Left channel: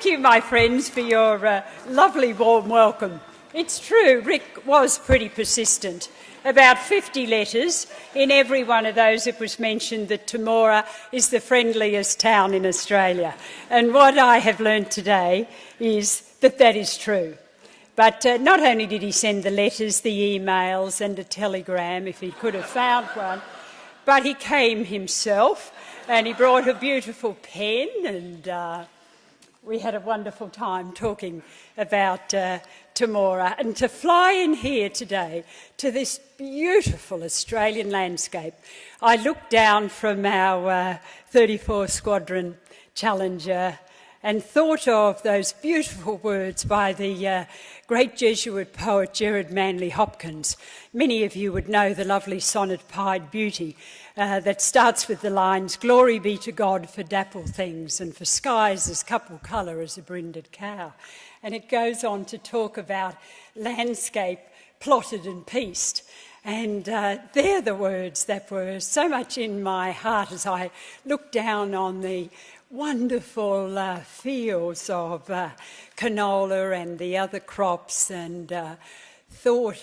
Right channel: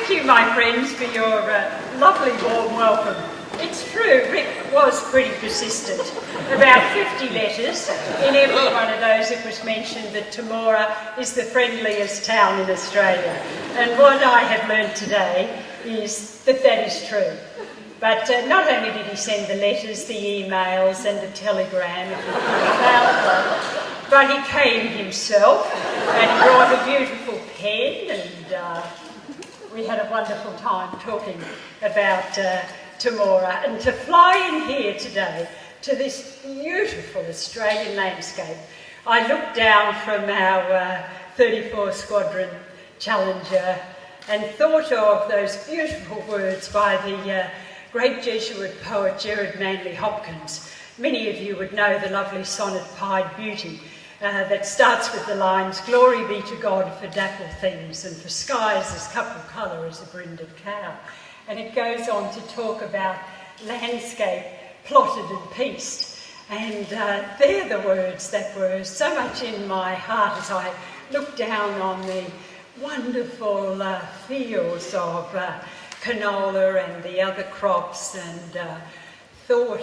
Thank you, my friends, for your lovely warm welcome. It's true, Rick was pretty persistent. About 50 letters. In every one of those it was mentioned that Temora is the friendliest town in Australia. And what I have learned today is that that is true. But not only did he send the letters, the emails and the telegram, if you could have found one, but he came himself and brought a beautiful pen, and we had a wonderful time talking about Temora. And to fly in here today to this beautiful Australian landscape, I looked down from our 34 Squadron Challenger and thought of those beautiful words by the great Jesuit poet Gerard Manley Hopkins. Many of you would know the lovely sonnet Pied Beauty that starts with the lines, "Glory be to God for dappled things and for skies as couple colour as a brinded cow." And it goes on to talk about landscape plotted and pieced. And they're the words that were so much in my heart as I looked down on the wonderful fields of canola and the other crops, and thought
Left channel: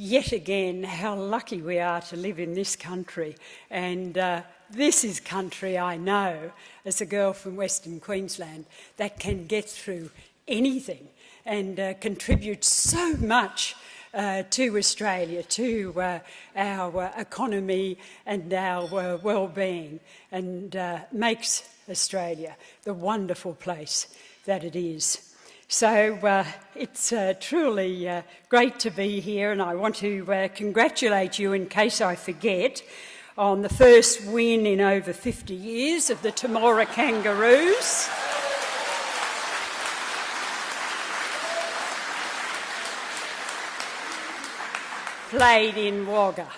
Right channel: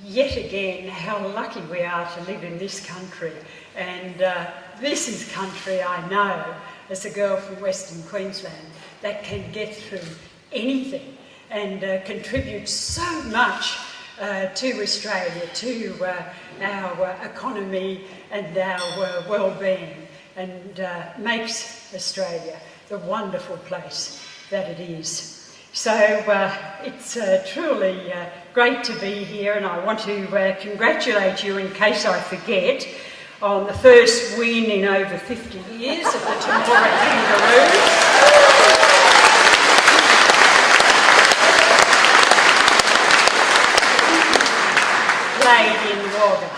yet again how lucky we are to live in this country. And this is country I know, as a girl from Western Queensland, that can get through anything and contribute so much to Australia, to our economy and our well-being, and makes Australia the wonderful place that it is. So it's truly great to be here, and I want to congratulate you, in case I forget, on the first win in over 50 years of the Temora Kangaroos. Played in Wagga.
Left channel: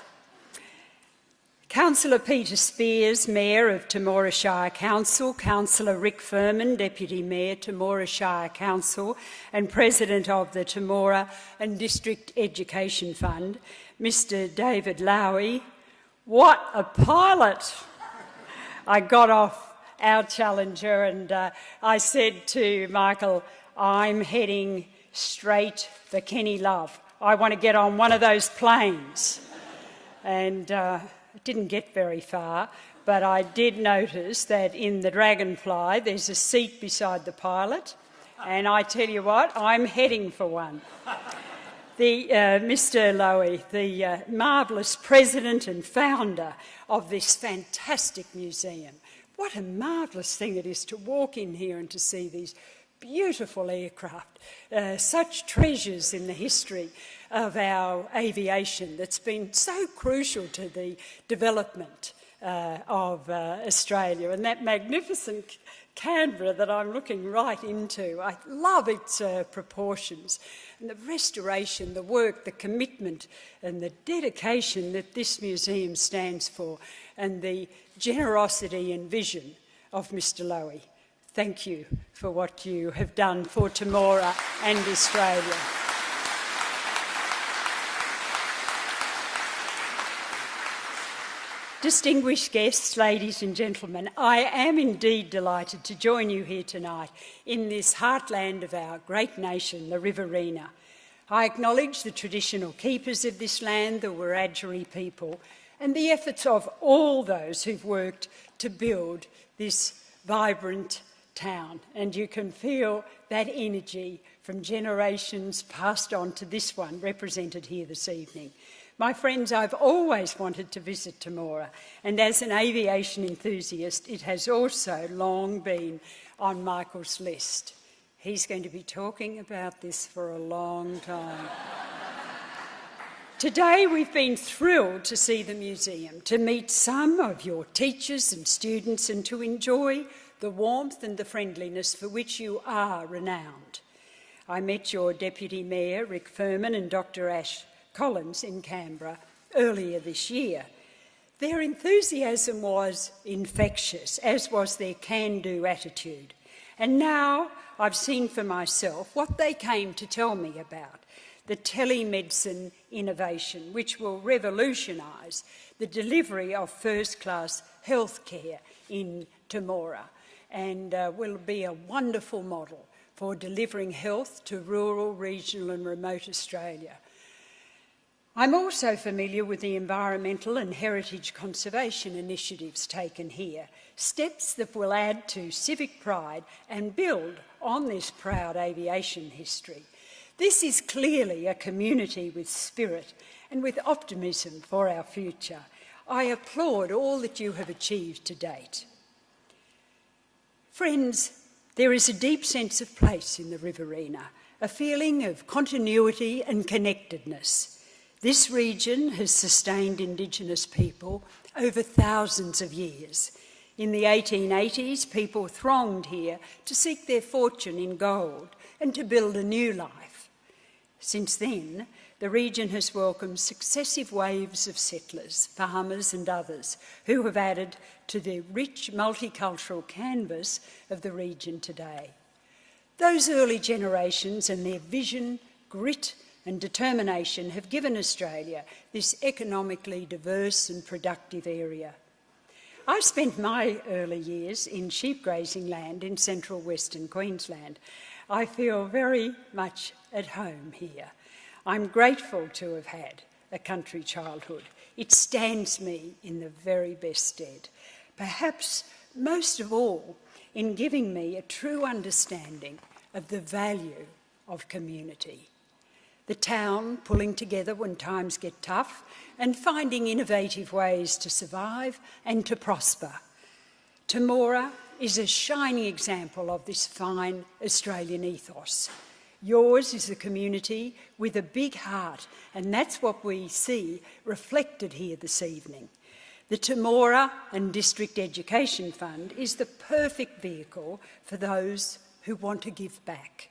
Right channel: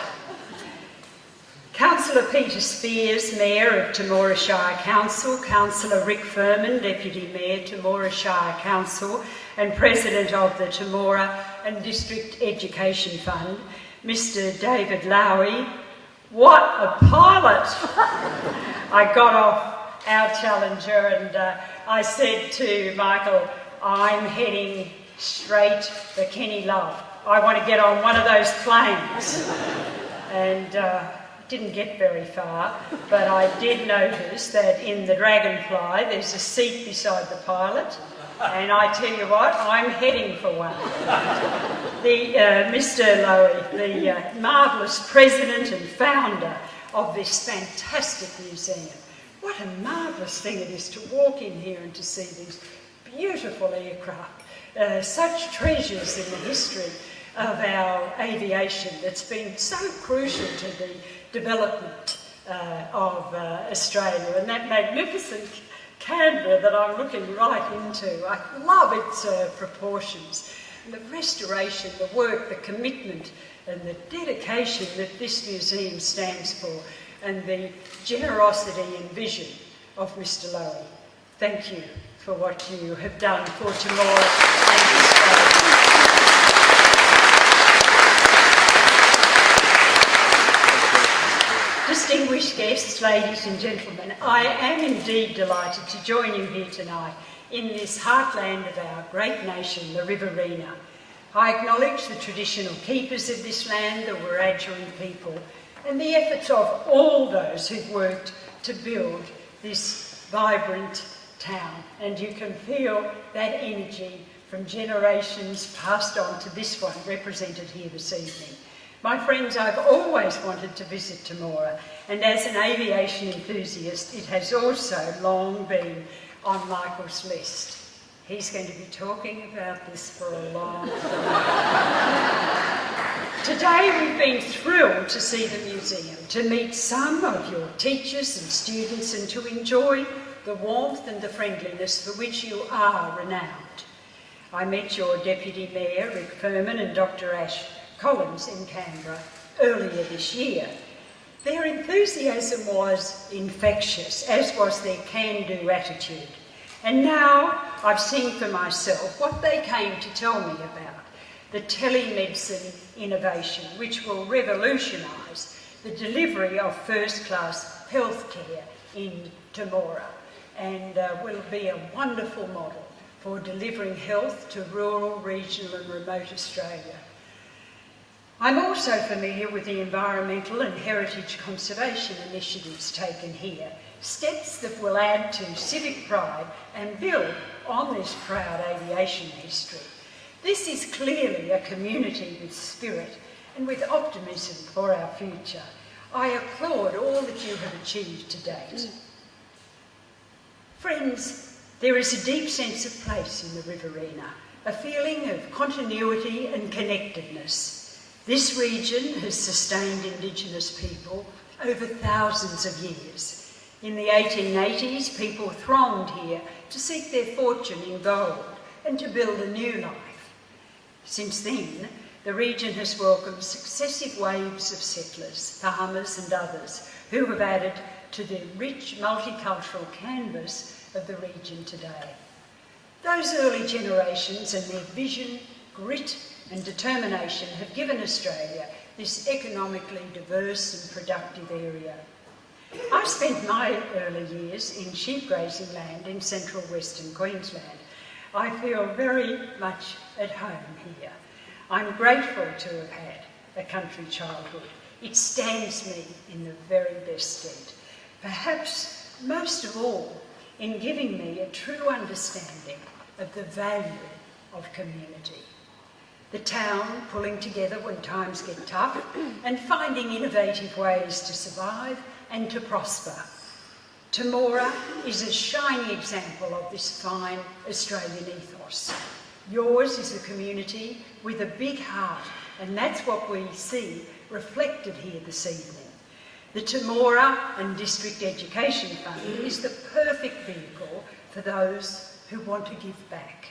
Councillor Peter Spears, Mayor of Temora Shire Council, Councillor Rick Furman, Deputy Mayor, Temora Shire Council, and President of the Temora and District Education Fund, Mr David Lowy. What a pilot! I got off our Challenger and I said to Michael, I'm heading straight for Kenny Love. I want to get on one of those planes. And didn't get very far, but I did notice that in the Dragonfly there's a seat beside the pilot, and I tell you what, I'm heading for one. Mr Lowy, the marvellous president and founder of this fantastic museum. What a marvellous thing it is to walk in here and to see these beautiful aircraft, such treasures in the history of our aviation that's been so crucial to the development of Australia, and that magnificent Canberra that I'm looking right into. I love its proportions, and the restoration, the work, the commitment and the dedication that this museum stands for, and the generosity and vision of Mr Lowy. Thank you for what you have done for Temora and Australia. Distinguished guests, ladies and gentlemen, I am indeed delighted to join you here tonight in this heartland of our great nation, the Riverina. I acknowledge the traditional keepers of this land, the Wiradjuri people, and the efforts of all those who've worked to build this vibrant town. And you can feel that energy from generations passed on to this one, represented here this evening. My friends, I've always wanted to visit Temora, and as an aviation enthusiast, it has also long been on Michael's list. He's going to be talking about this for a long time. Today we've been thrilled to see the museum, to meet some of your teachers and students, and to enjoy the warmth and the friendliness for which you are renowned. I met your Deputy Mayor, Rick Furman, and Dr Ash Collins in Canberra earlier this year. Their enthusiasm was infectious, as was their can-do attitude. And now I've seen for myself what they came to tell me about, the telemedicine innovation, which will revolutionise the delivery of first-class healthcare in Temora. and will be a wonderful model for delivering health to rural, regional and remote Australia. I'm also familiar with the environmental and heritage conservation initiatives taken here, steps that will add to civic pride and build on this proud aviation history. This is clearly a community with spirit and with optimism for our future. I applaud all that you have achieved to date. Friends, there is a deep sense of place in the Riverina, a feeling of continuity and connectedness. This region has sustained Indigenous people over thousands of years. In the 1880s, people thronged here to seek their fortune in gold and to build a new life. Since then, the region has welcomed successive waves of settlers, farmers and others who have added to the rich multicultural canvas of the region today. Those early generations and their vision, grit and determination have given Australia this economically diverse and productive area. I spent my early years in sheep grazing land in central Western Queensland. I feel very much at home here. I'm grateful to have had a country childhood. It stands me in the very best stead. Perhaps most of all, in giving me a true understanding of the value of community. The town pulling together when times get tough and finding innovative ways to survive and to prosper. Temora is a shining example of this fine Australian ethos. Yours is a community with a big heart, and that's what we see reflected here this evening. The Temora and District Education Fund is the perfect vehicle for those who want to give back.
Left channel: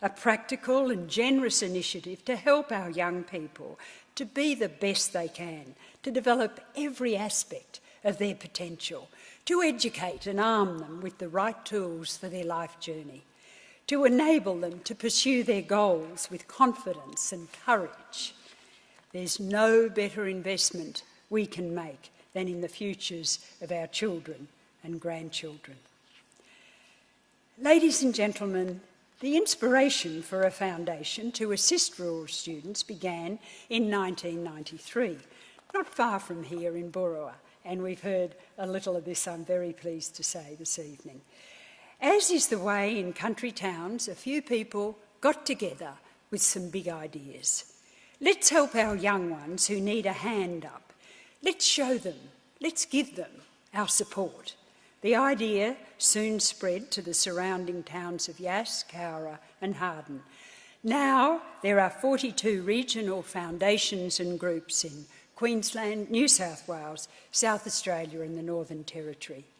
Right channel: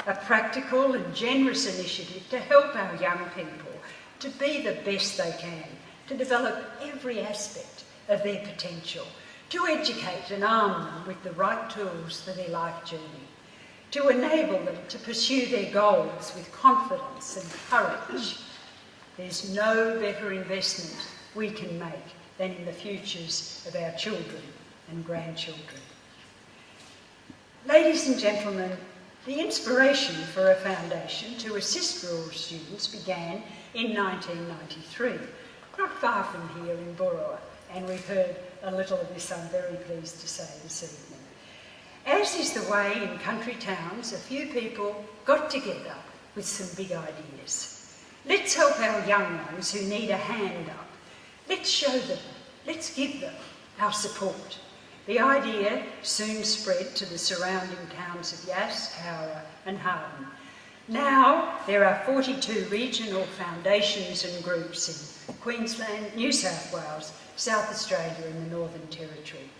A practical and generous initiative to help our young people to be the best they can, to develop every aspect of their potential, to educate and arm them with the right tools for their life journey, to enable them to pursue their goals with confidence and courage. There's no better investment we can make than in the futures of our children and grandchildren. Ladies and gentlemen, the inspiration for a foundation to assist rural students began in 1993, not far from here in Burra, and we've heard a little of this, I'm very pleased to say, this evening. As is the way in country towns, a few people got together with some big ideas. Let's help our young ones who need a hand up. Let's show them, let's give them our support. The idea soon spread to the surrounding towns of Yass, Cowra and Harden. Now there are 42 regional foundations and groups in Queensland, New South Wales, South Australia and the Northern Territory.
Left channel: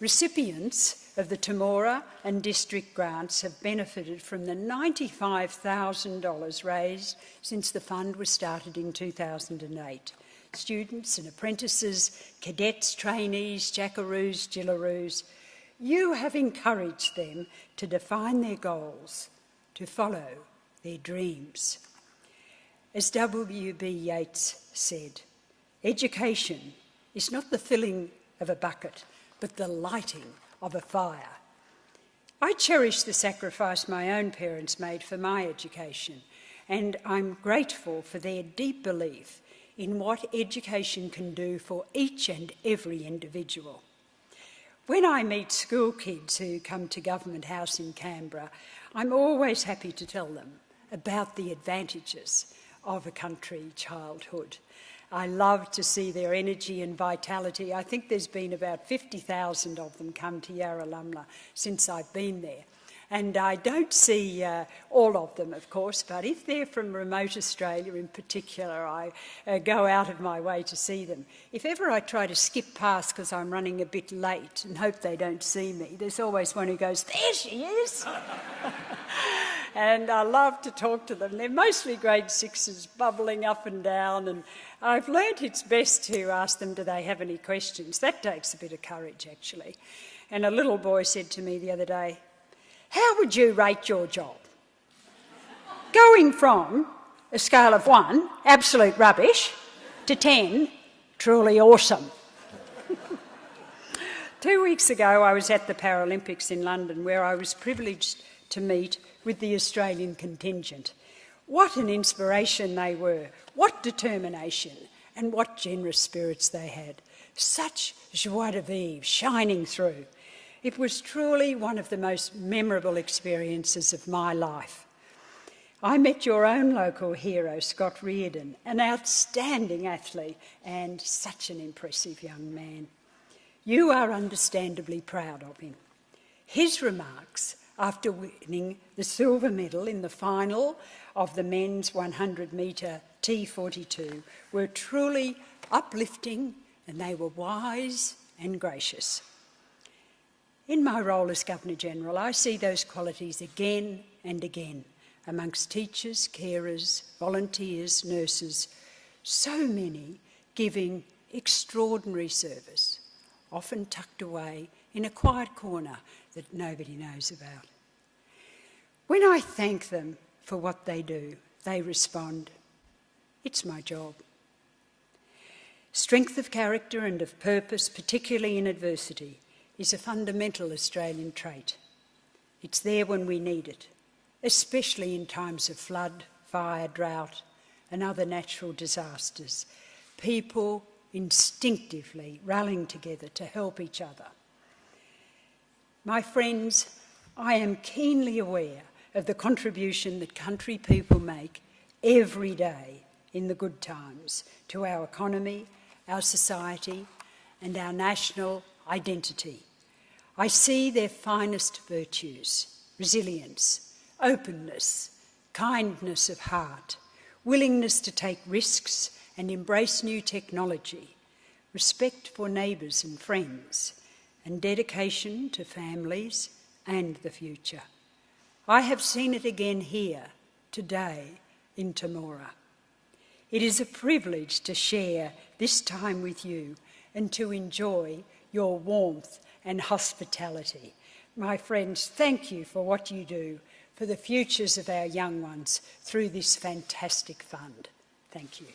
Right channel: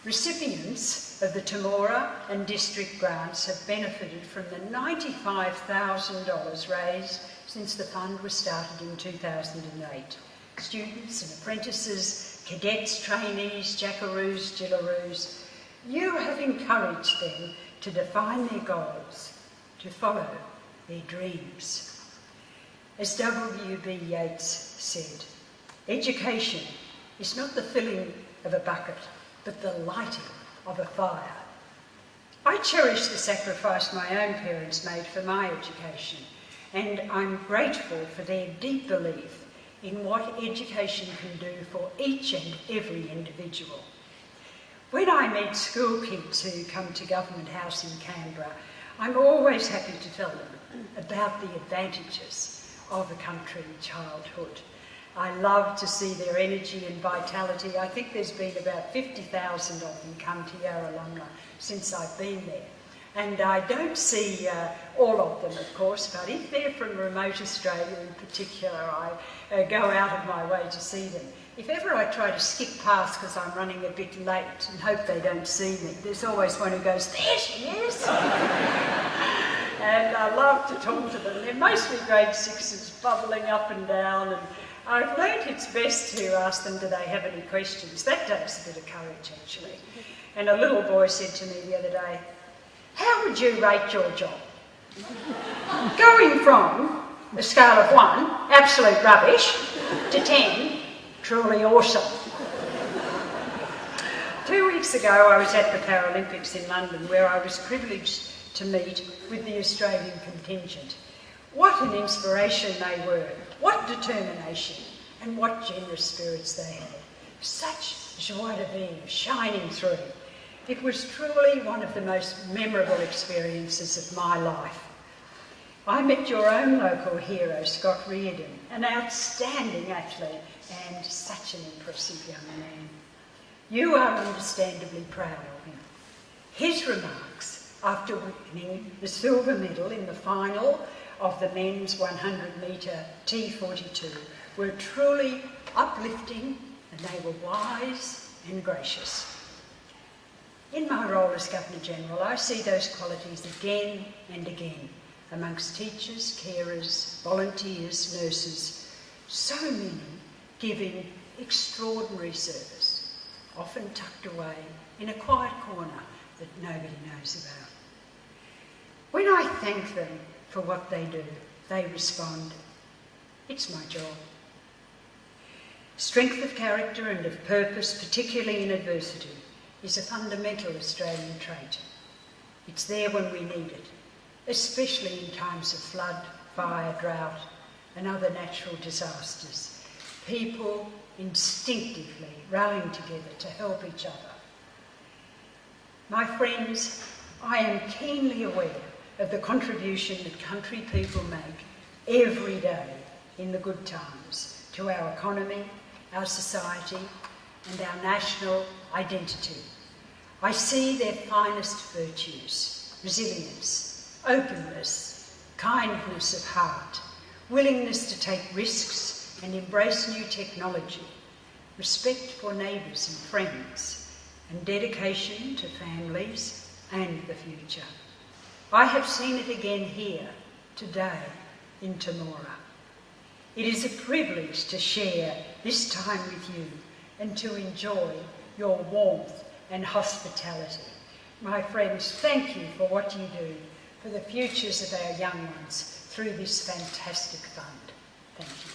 Recipients of the Temora and district grants have benefited from the $95,000 raised since the fund was started in 2008. Students and apprentices, cadets, trainees, jackaroos, jillaroos, you have encouraged them to define their goals, to follow their dreams. As W.B. Yeats said, education is not the filling of a bucket, but the lighting of a fire. I cherish the sacrifice my own parents made for my education, and I'm grateful for their deep belief in what education can do for each and every individual. When I meet school kids who come to Government House in Canberra, I'm always happy to tell them about the advantages of a country childhood. I love to see their energy and vitality. I think there's been about 50,000 of them come to Yarra alumna since I've been there. And I don't see all of them, of course, but if they're from remote Australia in particular, I go out of my way to see them. If ever I try to skip past because I'm running a bit late and hope they don't see me, there's always one who goes, "There she is!" And I love to talk to them. They're mostly grade sixes, bubbling up and down, and I've learnt it's best to ask them, do they have any questions? That takes a bit of courage, actually. And a little boy said to me the other day, "How would you rate your job?" Going from a scale of 1, absolute rubbish, to 10, truly awesome. To weeks ago I was at the Paralympics in London, where I was privileged to meet with the Australian contingent. What an inspiration they were, what determination, and what generous spirits they had. Such joie de vivre shining through. It was truly one of the most memorable experiences of my life. I met your own local hero, Scott Reardon, an outstanding athlete and such an impressive young man. You are understandably proud of him. His remarks after winning the silver medal in the final of the men's 100-metre T42 were truly uplifting, and they were wise and gracious. In my role as Governor-General, I see those qualities again and again amongst teachers, carers, volunteers, nurses, so many giving extraordinary service, often tucked away in a quiet corner that nobody knows about. When I thank them for what they do, they respond, "It's my job." Strength of character and of purpose, particularly in adversity, is a fundamental Australian trait. It's there when we need it, especially in times of flood, fire, drought, and other natural disasters. People instinctively rallying together to help each other. My friends, I am keenly aware of the contribution that country people make every day in the good times to our economy, our society, and our national identity. I see their finest virtues: resilience, openness, kindness of heart, willingness to take risks and embrace new technology, respect for neighbours and friends, and dedication to families and the future. I have seen it again here, today, in Temora. It is a privilege to share this time with you and to enjoy your warmth and hospitality. My friends, thank you for what you do for the futures of our young ones through this fantastic fund. Thank you.